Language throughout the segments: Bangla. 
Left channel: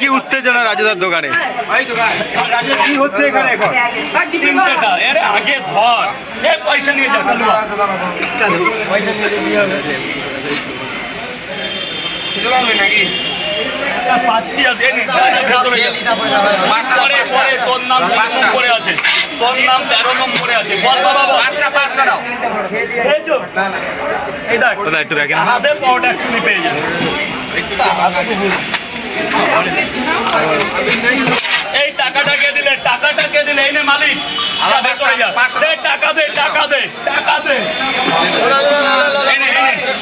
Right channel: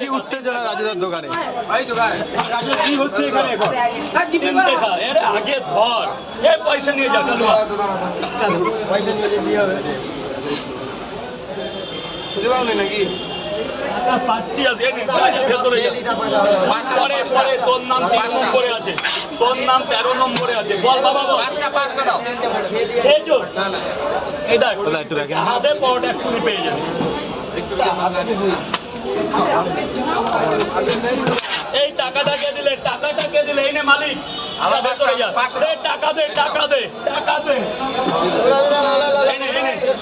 কি উত্তেজনা রাজুদার দোকানে? কি হচ্ছে এখানে? আগে ধর পয়সা নিয়ে যা, পয়সা নিয়ে হবে নাকি? পাচ্ছি আছে তোর নাম 3 নম্বরে আছে, তোর নাম 13 নম্বরে আছে। বল বাবা এই দেখ একটু দেখেন, হাতে পাওয়াটা একটু পেয়ে যাবে। এই টাকাটাকে দিলে, টাকাটাকে দিলে, এই নে মালিক, টাকা দে, টাকা দে, টাকা দে।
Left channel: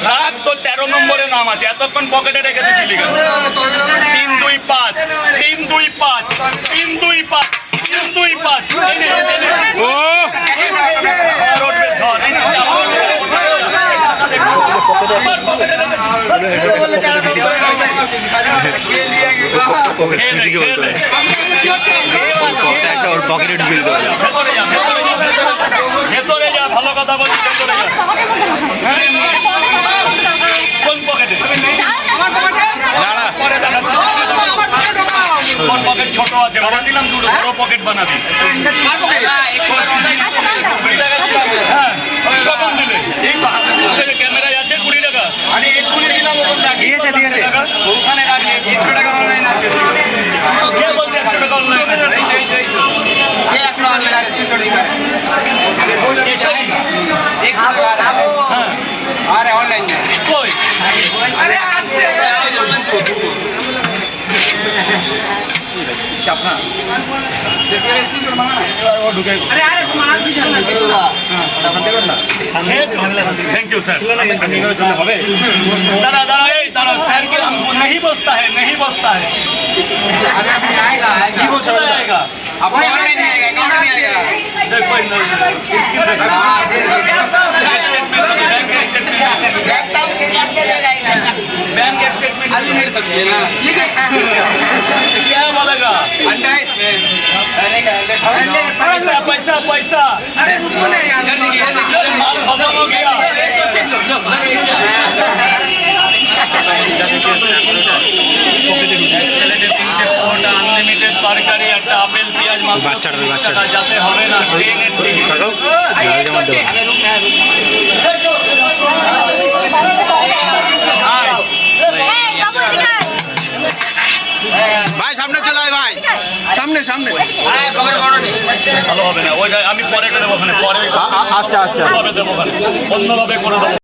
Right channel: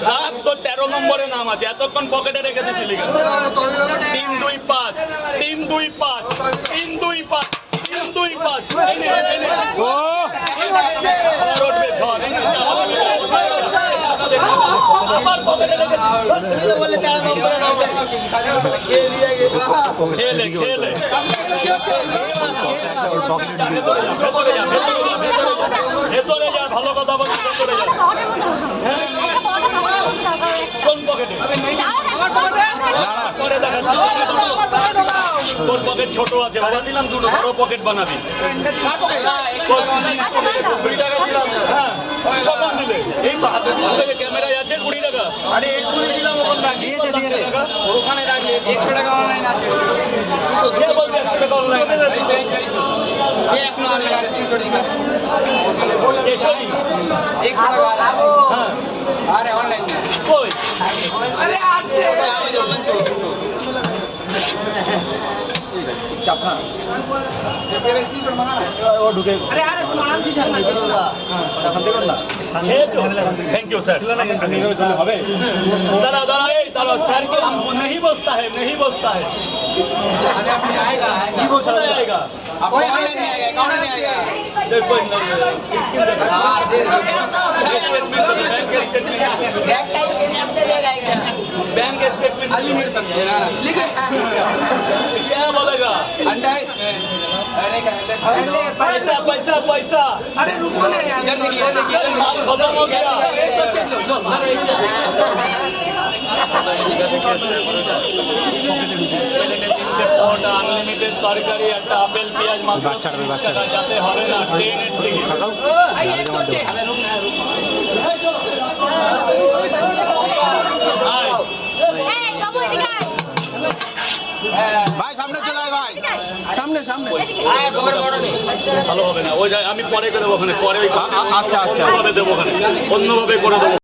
রাত তো 13 নম্বরে নাম আছে, এতক্ষণ পকেটে রেখে দিয়েছিলি কেন? 3, 2, 5, 3, 2, 5, 3, 2, 5, 3, 2, 5। পকেটে ঢুকে দিতে হবে। ভেতরে যা, ভালো কথা বলছি, ভেতরে যা। কোন পকেটে? তোর পকেট ছোট আছে, বাবা দিলাম দুটো, বড় পকেট বানাবি। ক্যামেরায় আছে 20 টাকা। আরে এক্ষুনি দিলাম, দিয়েছে দিয়েছে, ওখানে রাখলে 100 টাকা অনলাইন আছে। কে বলছে 100 টাকা অনলাইন? আরে অনলাইন কই? আরে আসছে চাপনা ও ঢুকে। আরে আরে তোমার নাম কি শান্তি? শান্তি কর না, थैंक यू सर। হবে दादा दादा এই दादा सर को नहीं बसता है, नहीं बसता है। কি বলছ? आएगा आपको ऑनलाइन नहीं आएगा, अकाउंट नहीं आएगा। देखो इन बैंक स्टेटमेंट अनलिमिटेड समझिए ना, क्या बोलेगा? अंडा है इसमें। अरे पैसा पैसा पैसा। अरे रुको ना यार, जल्दी खत्म हो गया। अनलिमिटेड तरकारी, একটা আপেল, পেঁয়াজ, মাছ, বাচ্চাটা যাতে হবে না। ট্রেনের টিকিট ভাই সামনে চলে আয় ভাই, সামনে সামনে। ভালো হবে না, ওই আমি পরে করে দেবো ওখানে, পরে আচ্ছা আচ্ছা অন্যভাবে দেবো ওখানে, অন্যভাবে করে দেবো।